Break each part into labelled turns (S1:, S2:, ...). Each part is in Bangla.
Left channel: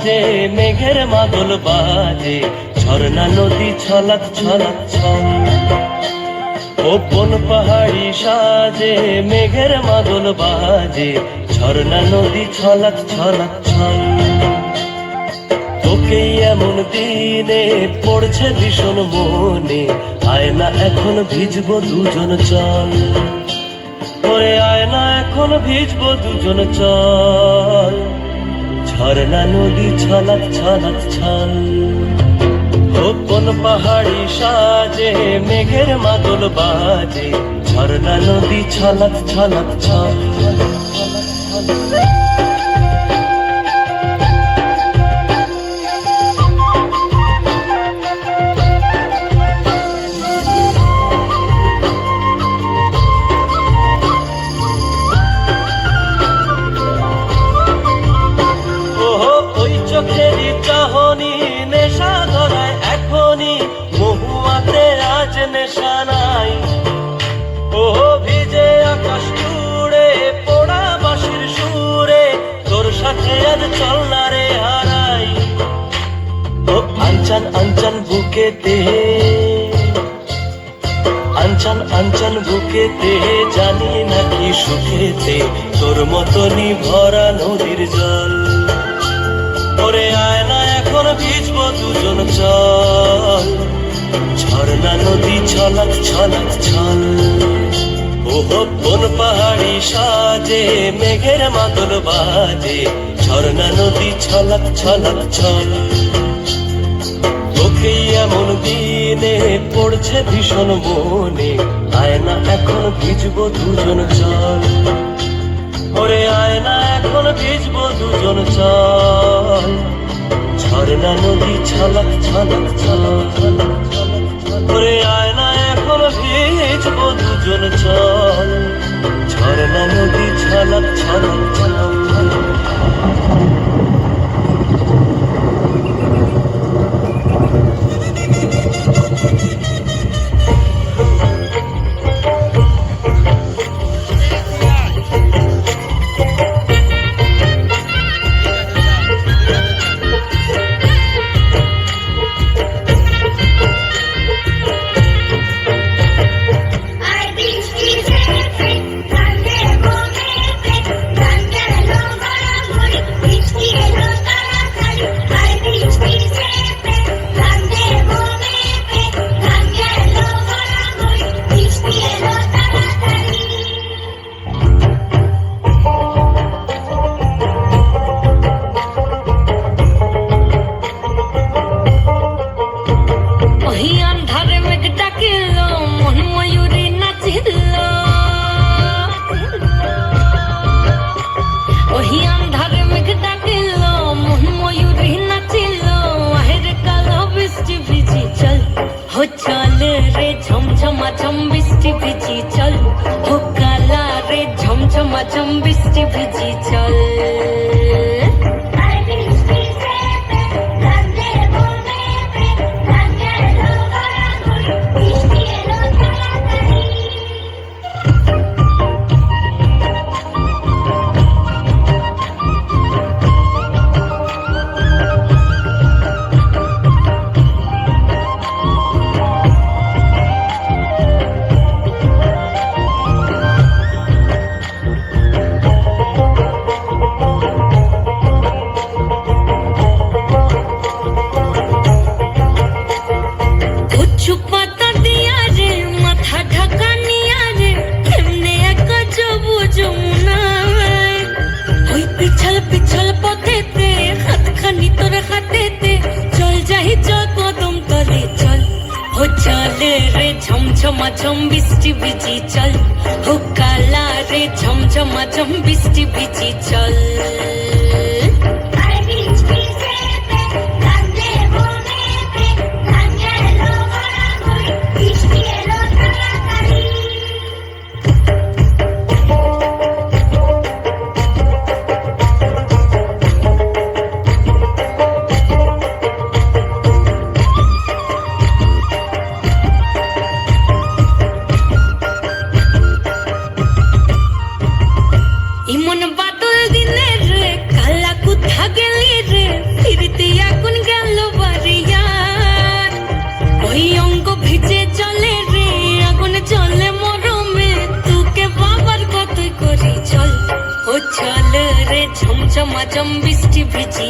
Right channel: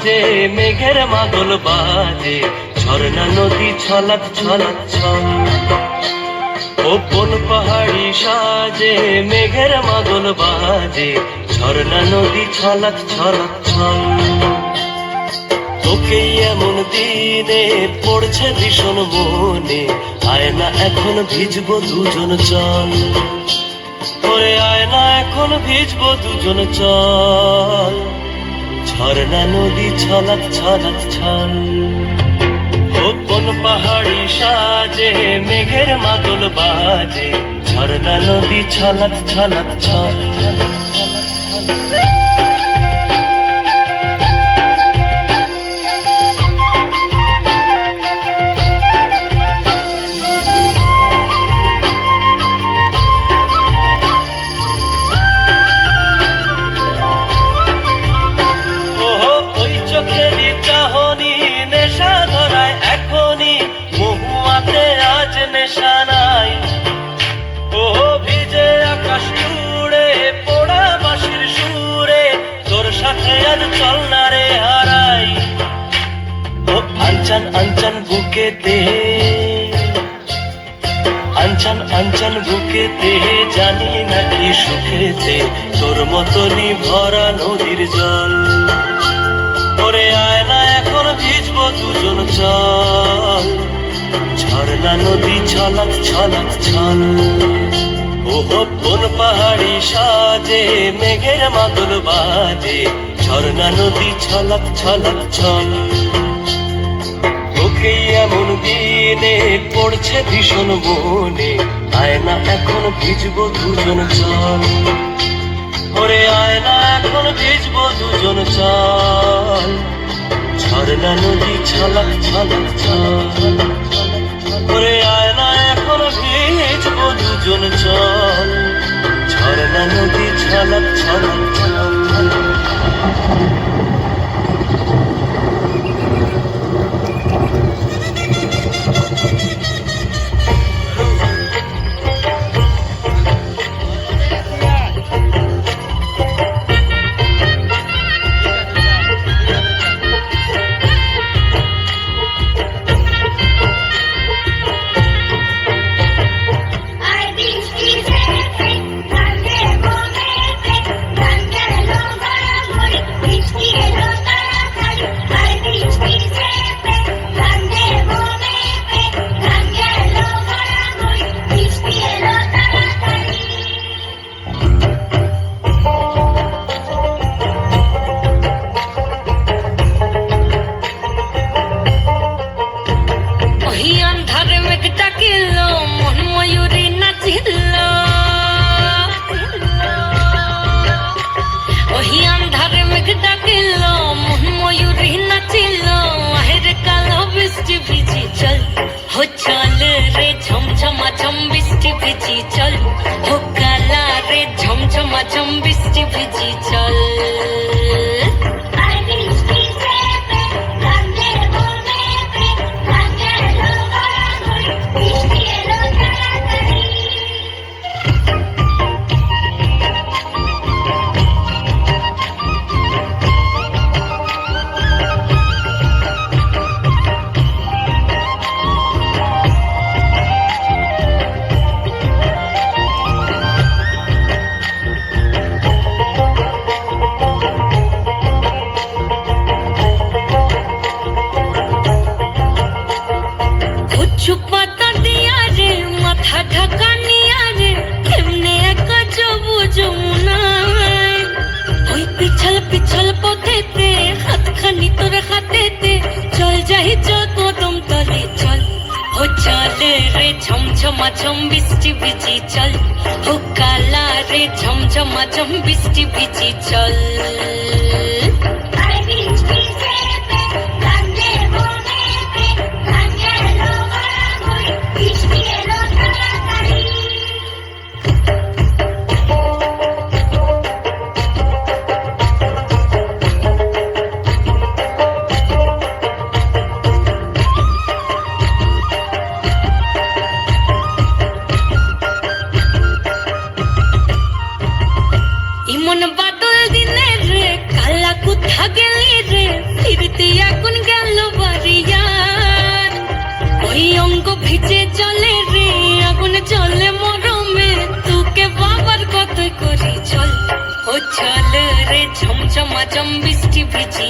S1: সাজে মেঘের মাদল বাজে, ঝর্ণা নদী ছলাক ছলাক ছল। ওপন পাহাড়ি সাজে, মেঘের মাদল বাজে, ঝর্ণা নদী ছলাক ছলাক ছল। তোকে এমন দিনে পড়ছে ভীষণ মনে আয় না এখন ভিজবো দুজন চল। করে আয় না এখন ভিজবো দুজন চল। ঝর্ণা, নদী, ছলক ছলক, ছল। কোন পাহাড়ি সাজে, মেঘের মাদল বাজে। ঝর্ণা, নদী, ছলক ছলক, ছল। বুকেতে আঞ্চন আঞ্চন বুকেতে, জানি নাকি সুখেতে, তোর মতনই ভরা নদীর জল। ওরে আয় না এখন ভিজবো দুজন চল। ঝর্ণা নদী, ছলাক ছলাক, ছল। ও কোন পাহাড়ি সাজে, মেঘের মাদল বাজে। ঝর্ণা নদী, ছলাক ছলাক, ছল। তোকে এমন দিনে পড়ছে ভীষণ বনে। আয় না এখন ভিজবো দুজন চল। ওরে আয় না এখন ভিজবো দুজন চল। ঝর্ণা নদী ছলক ছলক চল।
S2: ঝম বৃষ্টি ভিজি চল যাই চল কদম তলে চল ও চালে রে ঝমঝমা ঝম বৃষ্টি ভিজি চল ও কালা রে ঝমঝমা ঝম বৃষ্টি ভিজি চল চম বৃষ্টি ভিজি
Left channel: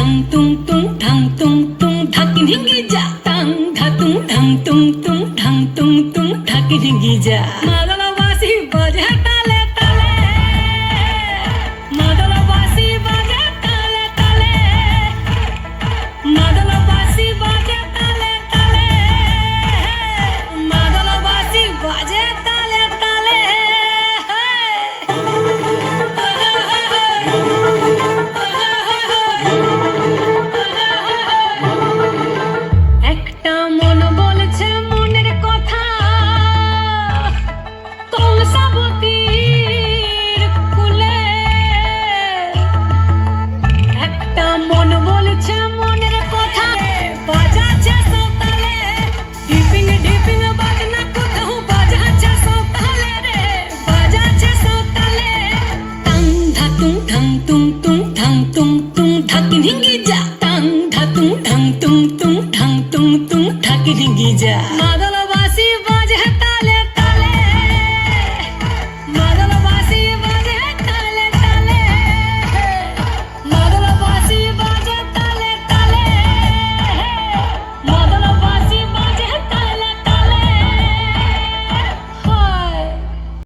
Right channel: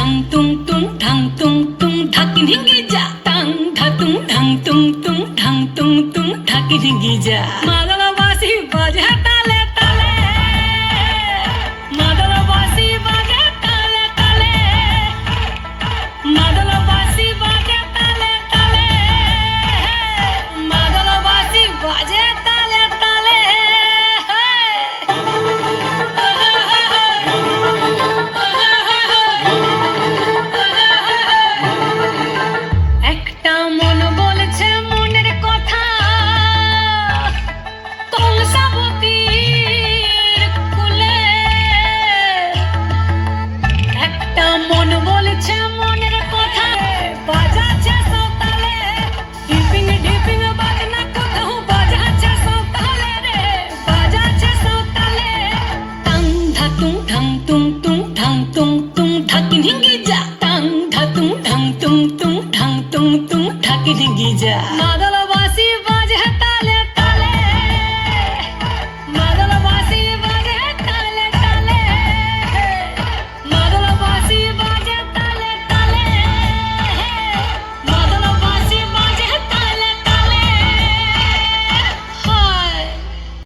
S2: ধাম তুম তুম ধাম তুম তুম ঢাকি ভেঙে যা। তাং ধাতুম ধাম তুম তুম ধাম তুম তুম ঢাকি ভেঙে যা।